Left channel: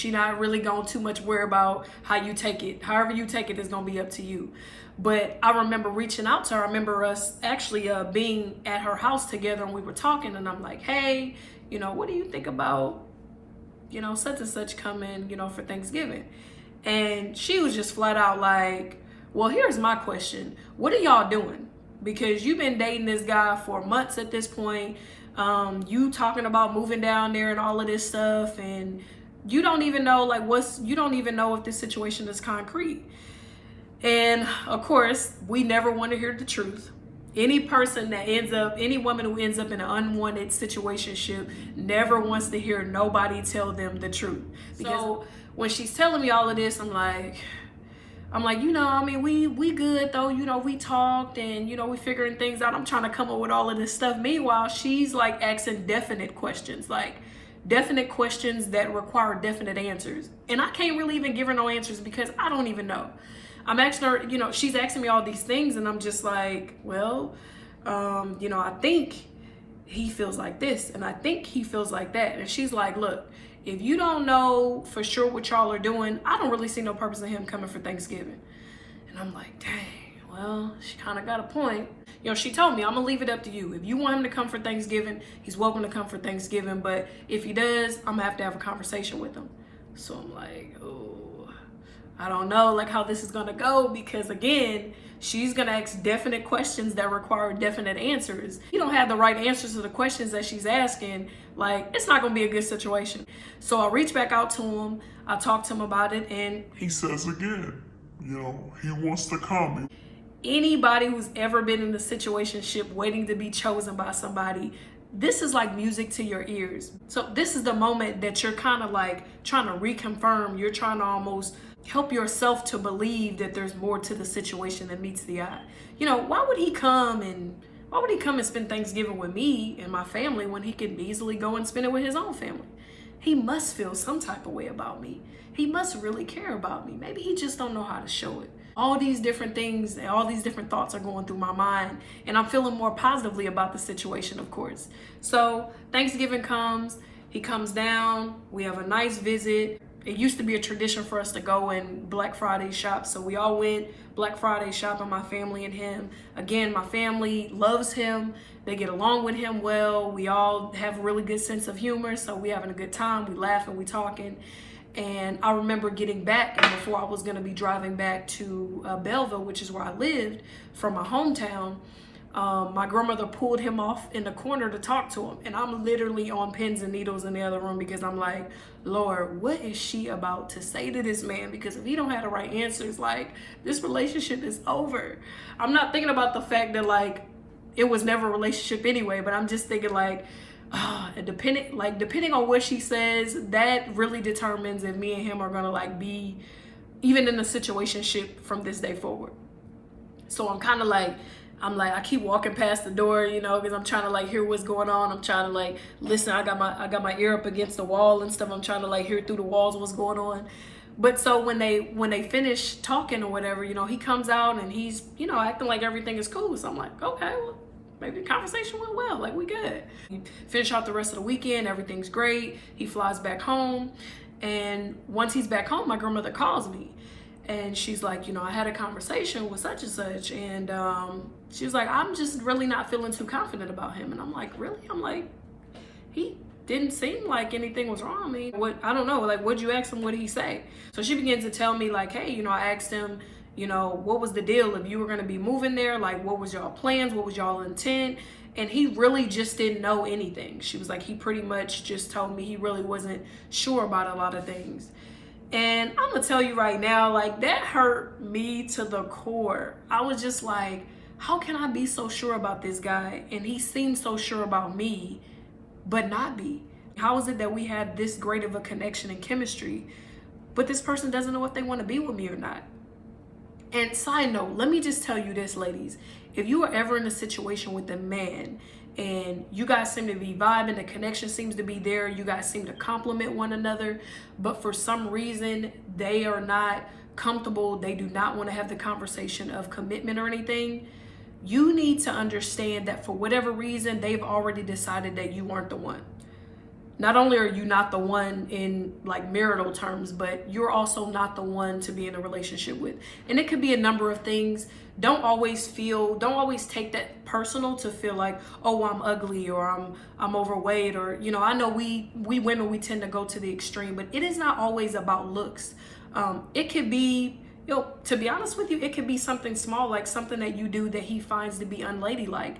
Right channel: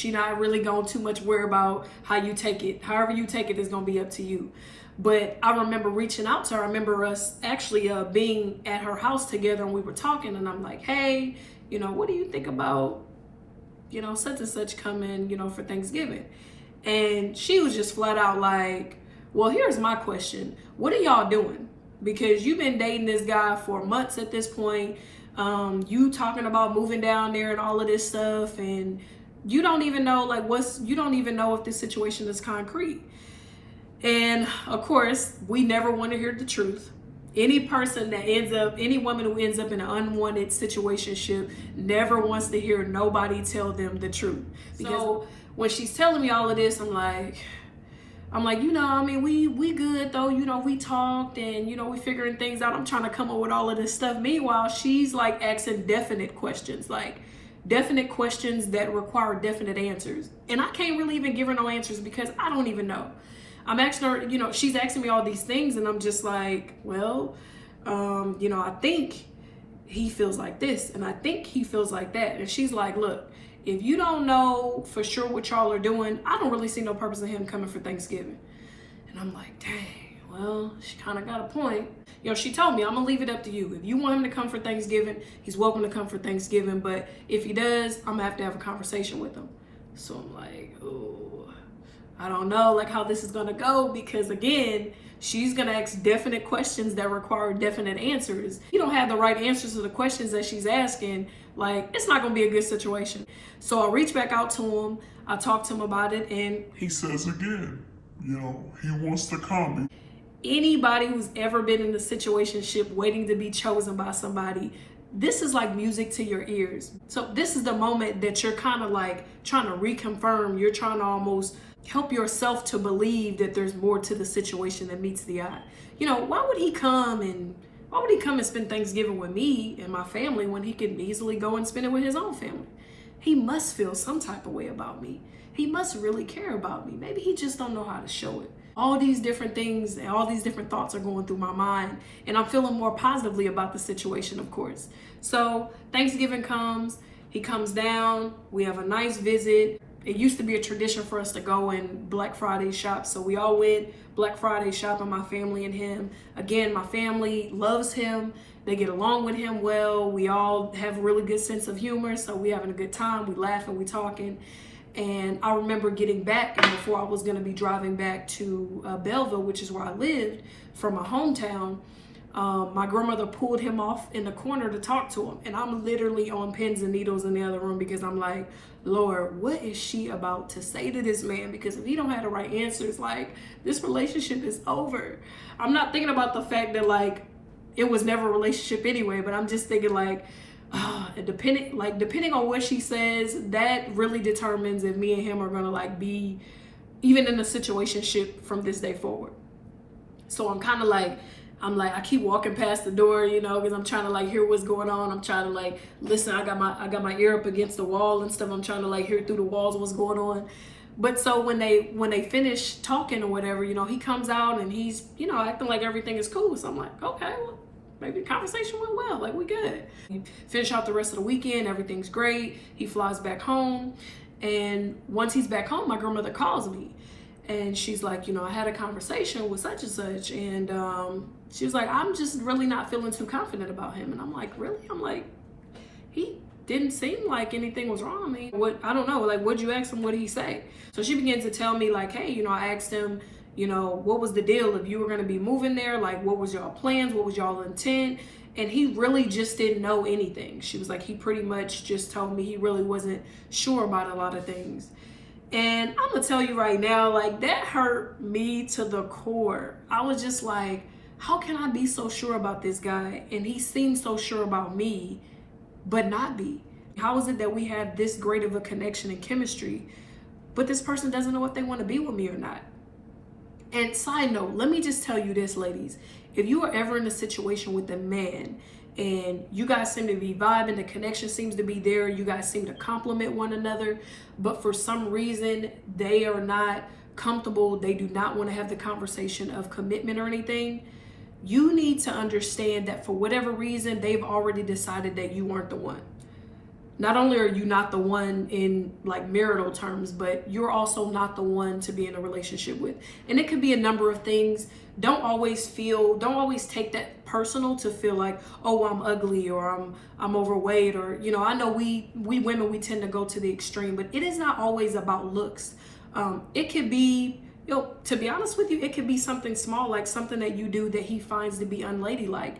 she not really going too much worry about how you take it. However you take it is going to be up to you. But I remember reaching out to her. I remember us actually being at her house together, and we were talking, and I'm like, hey, what do you think about, such and such coming, for Thanksgiving? And she was just flat out like, well, here's my question. What are y'all doing? Because you've been dating this guy for months at this point. You talking about moving down there and all of this stuff, and you don't even know you don't even know if this situation is concrete. And of course, we never want to hear the truth. Any woman who ends up in an unwanted situationship never wants to hear nobody tell them the truth. Because when she's telling me all of this, I'm like, we good though, we talked and, we figuring things out. I'm trying to come up with all of this stuff. Meanwhile, she's like asking definite questions that require definite answers. And I can't really even give her no answers because I don't even know. I'm asking her, she's asking me all these things and I'm just like, well, I think he feels like this and I think he feels like that. And she's like, look, if you don't know for sure what y'all are doing, I don't really see no purpose in him coming for Thanksgiving. And I'm like, dang, well, she kind of got a point. She told me, I'm going to leave it up to you. If you want him to come for Thanksgiving, he's welcome to come for Thanksgiving. But if he does, I'm going to have a conversation with him. So I'm like, oh, I don't know how this is going to go because, again, she's going to ask definite questions that require definite answers. You don't have the right answers to the questions that she's asking. It's not going to be a good situation. So I reach back out to him. I talk to him about it. And he says again, he wants to come. Anybody who's ever been in a situationship waiting to be chosen by somebody, this is like music to your ears. So this is the moment that you're kind of trying to reconfirm. You're trying to almost help yourself to believe that there's more to the situation than meets the eye. Why would he come and spend Thanksgiving with me and my family when he could easily go and spend it with his own family? He must feel some type of way about me. He must really care about me. Maybe he just don't know how to show it. All these different things and all these different thoughts are going through my mind, and I'm feeling more positively about the situation, of course. So Thanksgiving comes, he comes down, we have a nice visit. It used to be a tradition for us to go and Black Friday shop. So we all went Black Friday shopping, my family and him. Again, my family loves him. They get along with him well. We all have a really good sense of humor. So we having a good time. We laughing, we talking. And I remember getting back, and before I was going to be driving back to Belleville, which is where I lived, from my hometown, my grandmother pulled him off in the corner to talk to him. And I'm literally on pins and needles in the other room because I'm like, Lord, what is she about to say to this man? Because if he don't have the right answers, this relationship is over. I'm not thinking about the fact that it was never a relationship anyway, but I'm just thinking depending on what she says, that really determines if me and him are gonna be even in a situationship from this day forward. So I'm kind of I keep walking past the door, because I'm trying to hear what's going on. I'm trying to listen. I got my ear up against the wall and stuff. I'm trying to hear through the walls what's going on. But so when they finish talking or whatever, he comes out and he's, acting like everything is cool. So I'm like, okay, well, maybe the conversation went well. We good. You finish out the rest of the weekend. Everything's great. He flies back home. And once he's back home, my grandmother calls me. And she's like, I had a conversation with such and such. And she was like, I'm just really not feeling too confident about him. And I'm like, really? I'm like, he didn't seem like anything was wrong. I don't know. What'd you ask him? What did he say? So she begins to tell me hey, I asked him, what was the deal? If you were going to be moving there, what was y'all plans? What was y'all intent? And he really just didn't know anything. She was like, he pretty much just told me he really wasn't sure about a lot of things. And I'm gonna tell you right now, that hurt me to the core. I was just like, how can I be so sure about this guy? And he seemed so sure about me, but not be. How is it that we have this great of a connection and chemistry, but this person doesn't know if they want to be with me or not? And side note, let me just tell you this, ladies. If you are ever in a situation with a man and you guys seem to be vibing, the connection seems to be there, you guys seem to complement one another, but for some reason they are not comfortable, they do not want to have the conversation of commitment or anything, you need to understand that for whatever reason, they've already decided that you weren't the one. not only are you not the one in like marital terms, but you're also not the one to be in a relationship with. And it could be a number of things. Don't always take that personal to feel like, oh, I'm ugly or I'm overweight, or, you know, I know we women, we tend to go to the extreme, but it is not always about looks. It could be, you know, to be honest with you, it could be something small, like something that you do that he finds to be unladylike.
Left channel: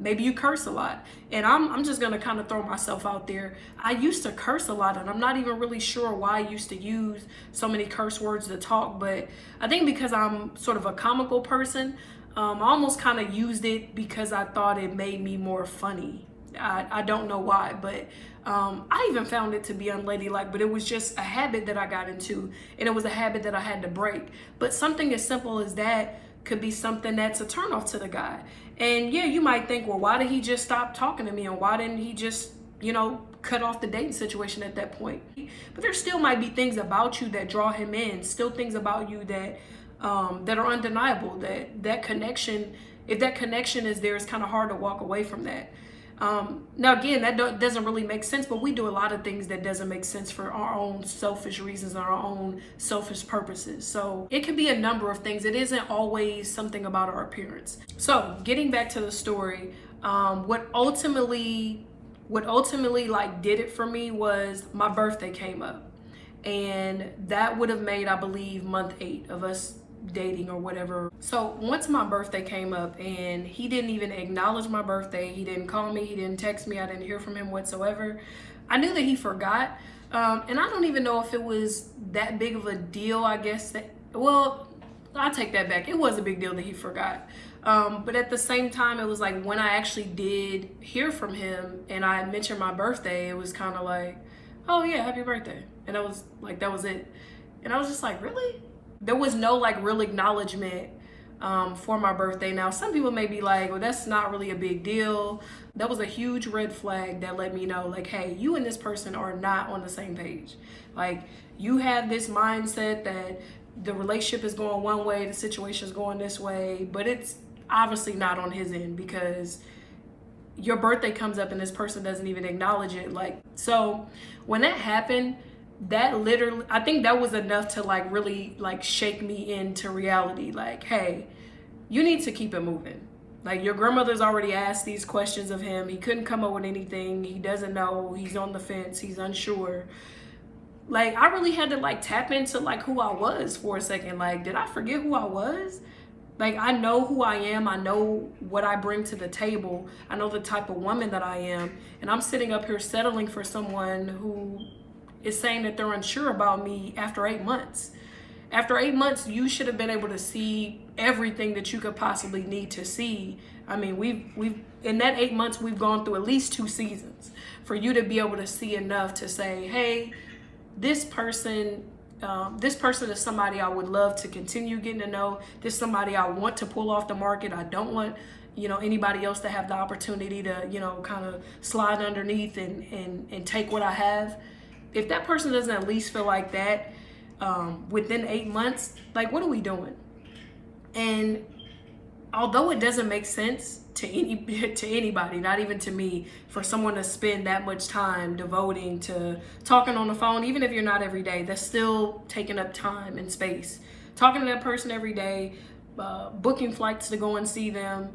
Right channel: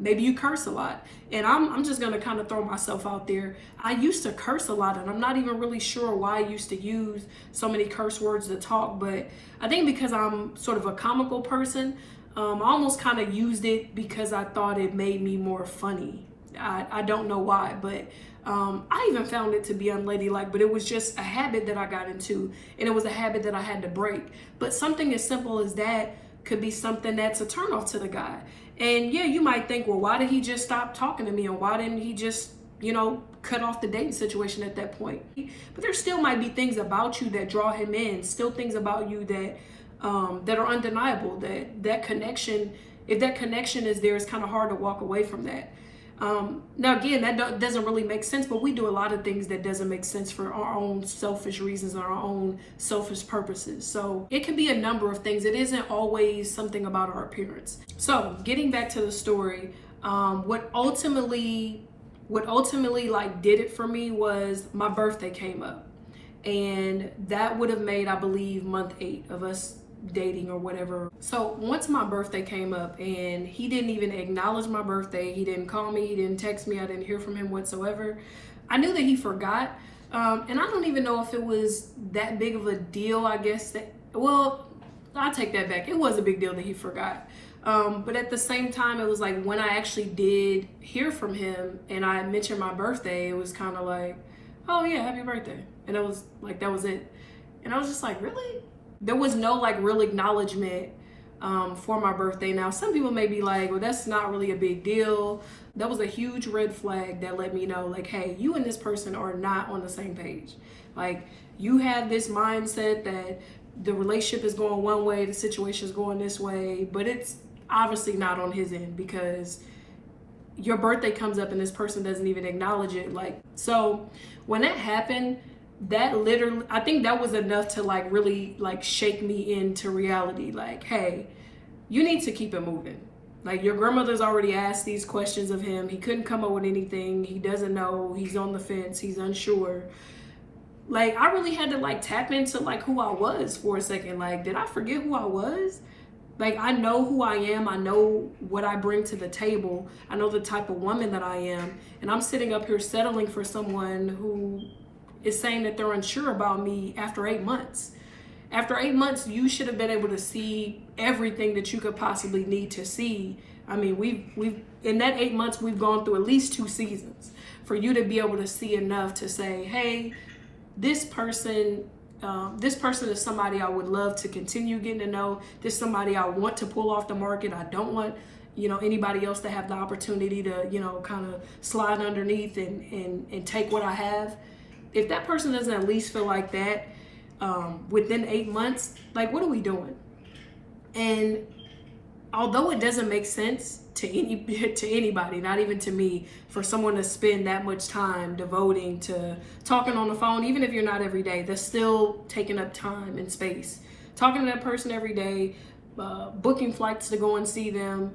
Maybe you curse a lot. And I'm just gonna kind of throw myself out there. I used to curse a lot, and I'm not even really sure why I used to use so many curse words to talk, but I think because I'm sort of a comical person, I almost kind of used it because I thought it made me more funny. I don't know why, but I even found it to be unladylike, but it was just a habit that I got into, and it was a habit that I had to break. But something as simple as that could be something that's a turnoff to the guy. And yeah, you might think, well, why did he just stop talking to me? And why didn't he just, you know, cut off the dating situation at that point? But there still might be things about you that draw him in, still things about you that that are undeniable, that connection, if that connection is there, it's kind of hard to walk away from that. Now again, that doesn't really make sense, but we do a lot of things that doesn't make sense for our own selfish reasons, our own selfish purposes. So it can be a number of things. It isn't always something about our appearance. So getting back to the story, what ultimately like did it for me was my birthday came up, and that would have made, I believe, month 8 of us dating or whatever. So once my birthday came up and he didn't even acknowledge my birthday, he didn't call me, he didn't text me, I didn't hear from him whatsoever, I knew that he forgot. And I don't even know if it was that big of a deal, I guess. Well, I take that back. It was a big deal that he forgot. But at the same time, it was like when I actually did hear from him and I mentioned my birthday, it was kind of like, oh yeah, happy birthday. And it was like, that was it. And I was just like, really? There was no like real acknowledgement for my birthday. Now, some people may be like, well, that's not really a big deal. That was a huge red flag that let me know, like, hey, you and this person are not on the same page. Like, you have this mindset that the relationship is going one way, the situation is going this way, but it's obviously not on his end, because your birthday comes up and this person doesn't even acknowledge it. Like, so when that happened, that literally, I think that was enough to like really like shake me into reality. Like, hey, you need to keep it moving. Like, your grandmother's already asked these questions of him. He couldn't come up with anything. He doesn't know. He's on the fence. He's unsure. Like, I really had to like tap into like who I was for a second. Like, did I forget who I was? Like, I know who I am. I know what I bring to the table. I know the type of woman that I am. And I'm sitting up here settling for someone who is saying that they're unsure about me after 8 months. After 8 months, you should have been able to see everything that you could possibly need to see. I mean, we've in that 8 months, we've gone through at least 2 seasons for you to be able to see enough to say, hey, this person is somebody I would love to continue getting to know. This is somebody I want to pull off the market. I don't want, you know, anybody else to have the opportunity to, you know, kind of slide underneath and take what I have. If that person doesn't at least feel like that within 8 months, like, what are we doing? And although it doesn't make sense to anybody, not even to me, for someone to spend that much time devoting to talking on the phone, even if you're not every day, that's still taking up time and space. Talking to that person every day, booking flights to go and see them.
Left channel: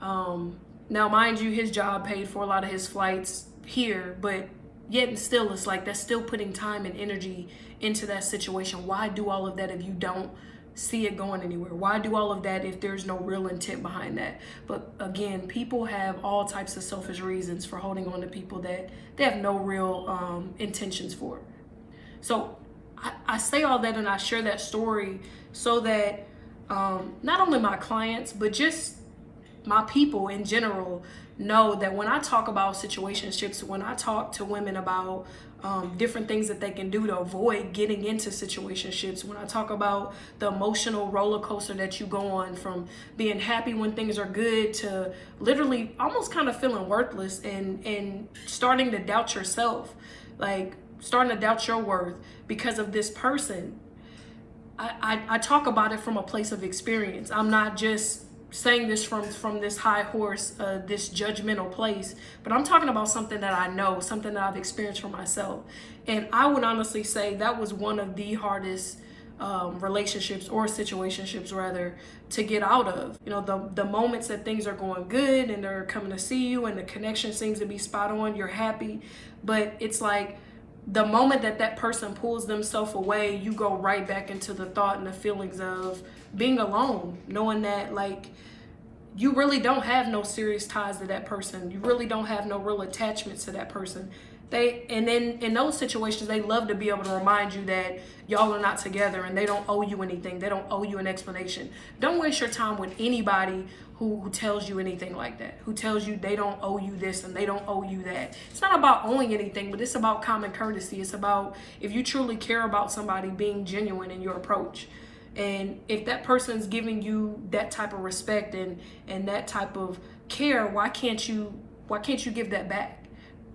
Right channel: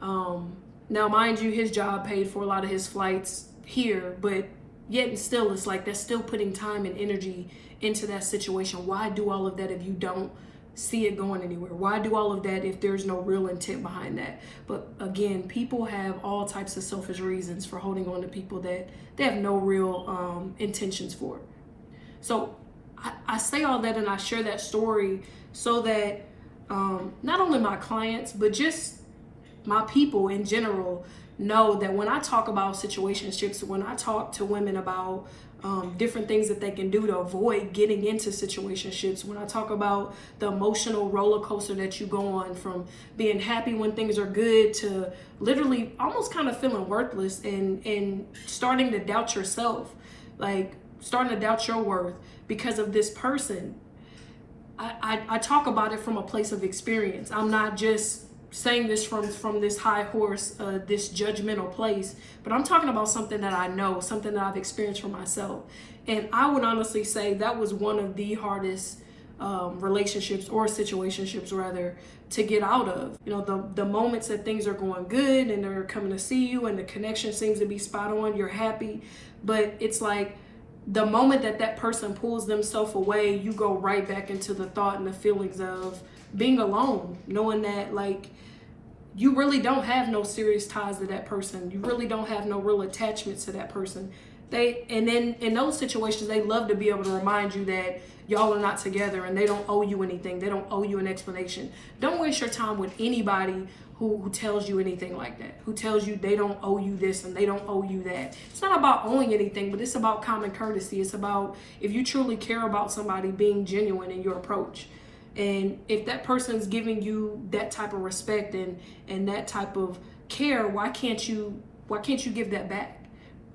Now, mind you, his job paid for a lot of his flights here, but yet and still, it's like that's still putting time and energy into that situation. Why do all of that if you don't see it going anywhere? Why do all of that if there's no real intent behind that? But again, people have all types of selfish reasons for holding on to people that they have no real intentions for. So I say all that and I share that story so that not only my clients, but just my people in general know that when I talk about situationships, when I talk to women about different things that they can do to avoid getting into situationships, when I talk about the emotional roller coaster that you go on from being happy when things are good to literally almost kind of feeling worthless and starting to doubt yourself, like starting to doubt your worth because of this person. I talk about it from a place of experience. I'm not just saying this from this high horse, this judgmental place, but I'm talking about something that I know, something that I've experienced for myself. And I would honestly say that was one of the hardest relationships, or situationships rather, to get out of. You know, the moments that things are going good and they're coming to see you and the connection seems to be spot on, you're happy, but it's like the moment that that person pulls themselves away, you go right back into the thought and the feelings of being alone, knowing that like you really don't have no serious ties to that person. You really don't have no real attachments to that person. And then in those situations, they love to be able to remind you that y'all are not together and they don't owe you anything. They don't owe you an explanation. Don't waste your time with anybody who tells you anything like that, who tells you they don't owe you this and they don't owe you that. It's not about owing anything, but it's about common courtesy. It's about, if you truly care about somebody, being genuine in your approach. And if that person's giving you that type of respect and that type of care, why can't you give that back?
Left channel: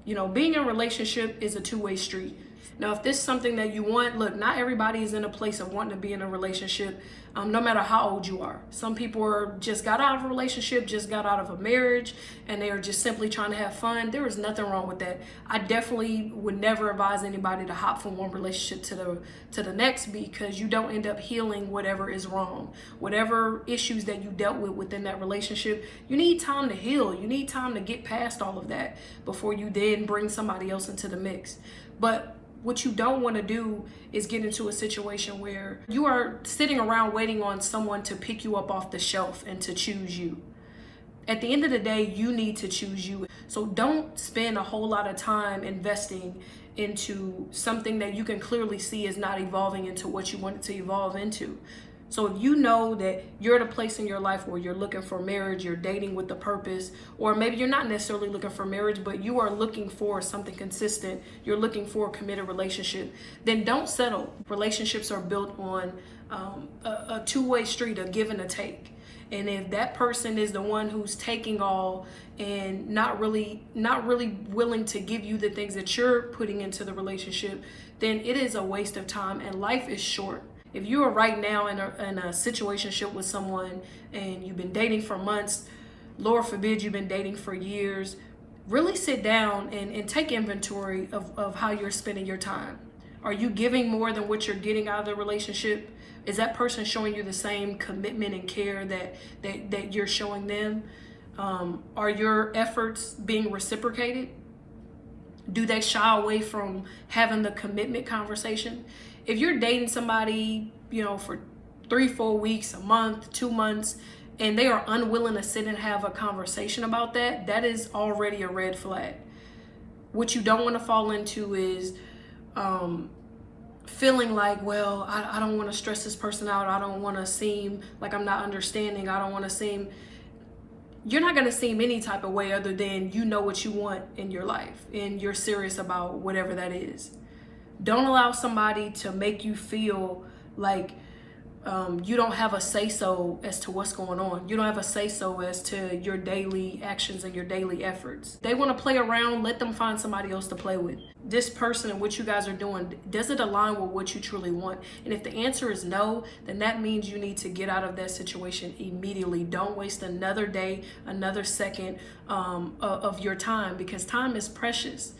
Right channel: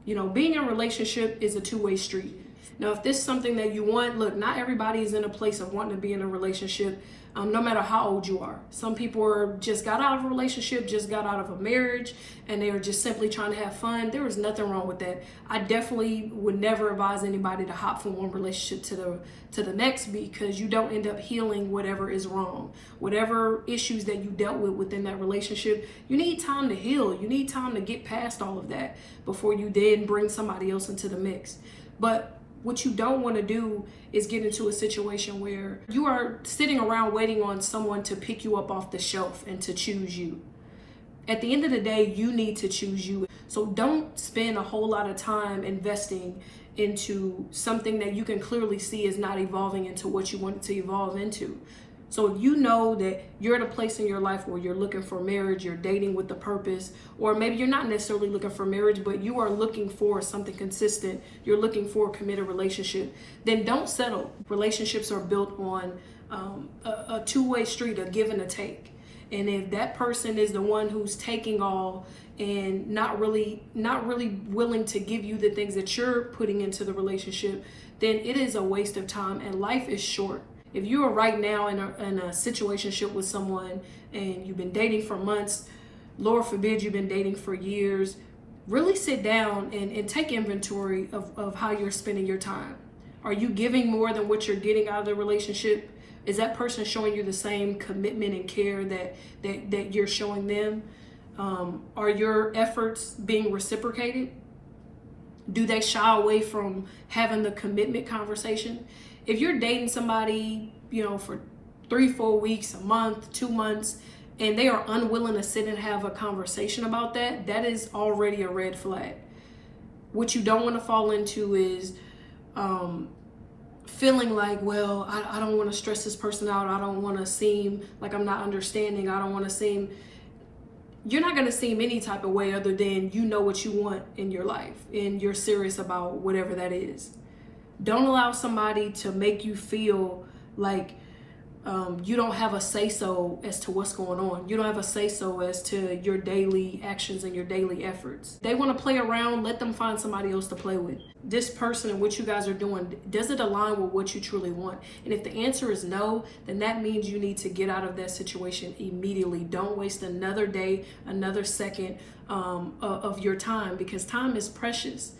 You know, being in a relationship is a two-way street. Now, if this is something that you want, look, not everybody is in a place of wanting to be in a relationship, no matter how old you are. Some people just got out of a relationship, just got out of a marriage, and they are just simply trying to have fun. There is nothing wrong with that. I definitely would never advise anybody to hop from one relationship to the next, because you don't end up healing whatever is wrong. Whatever issues that you dealt with within that relationship, you need time to heal. You need time to get past all of that before you then bring somebody else into the mix. But what you don't want to do is get into a situation where you are sitting around waiting on someone to pick you up off the shelf and to choose you. At the end of the day, you need to choose you. So don't spend a whole lot of time investing into something that you can clearly see is not evolving into what you want it to evolve into. So if you know that you're at a place in your life where you're looking for marriage, you're dating with the purpose, or maybe you're not necessarily looking for marriage, but you are looking for something consistent, you're looking for a committed relationship, then don't settle. Relationships are built on a two-way street, a give and a take. And if that person is the one who's taking all and not really willing to give you the things that you're putting into the relationship, then it is a waste of time, and life is short. If you are right now in a situationship with someone and you've been dating for months, Lord forbid you've been dating for years, really sit down and take inventory of how you're spending your time. Are you giving more than what you're getting out of the relationship? Is that person showing you the same commitment and care that you're showing them? Are your efforts being reciprocated? Do they shy away from having the commitment conversation? If you're dating somebody, you know, for 3-4 weeks, a month, 2 months, and they are unwilling to sit and have a conversation about that, that is already a red flag. What you don't want to fall into is feeling like, well, I don't want to stress this person out. I don't want to seem like I'm not understanding. I don't want to seem... You're not going to seem any type of way other than you know what you want in your life and you're serious about whatever that is. Don't allow somebody to make you feel like you don't have a say-so as to what's going on. You don't have a say-so as to your daily actions and your daily efforts. They want to play around, let them find somebody else to play with. This person and what you guys are doing, does it align with what you truly want? And if the answer is no, then that means you need to get out of that situation immediately. Don't waste another day, another second of your time, because time is precious.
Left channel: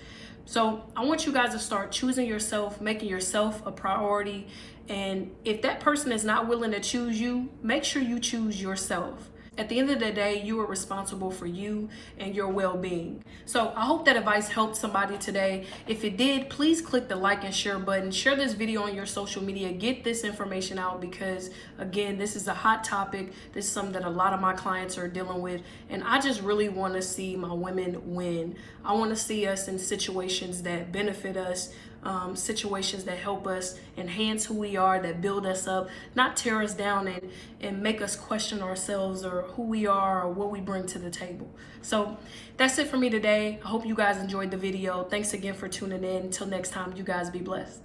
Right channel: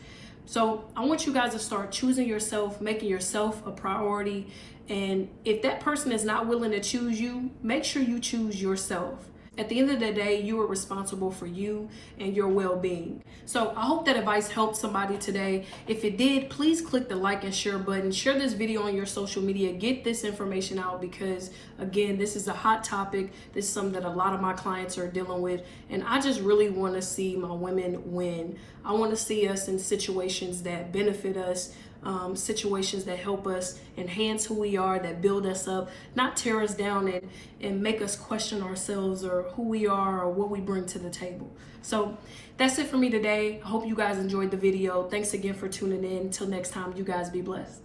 So I want you guys to start choosing yourself, making yourself a priority. And if that person is not willing to choose you, make sure you choose yourself. At the end of the day, you are responsible for you and your well-being. So I hope that advice helped somebody today. If it did, please click the like and share button. Share this video on your social media. Get this information out, because again, this is a hot topic. This is something that a lot of my clients are dealing with. And I just really want to see my women win. I want to see us in situations that benefit us, situations that help us enhance who we are, that build us up, not tear us down and make us question ourselves or who we are or what we bring to the table. So that's it for me today. I hope you guys enjoyed the video. Thanks again for tuning in. Until next time, you guys be blessed.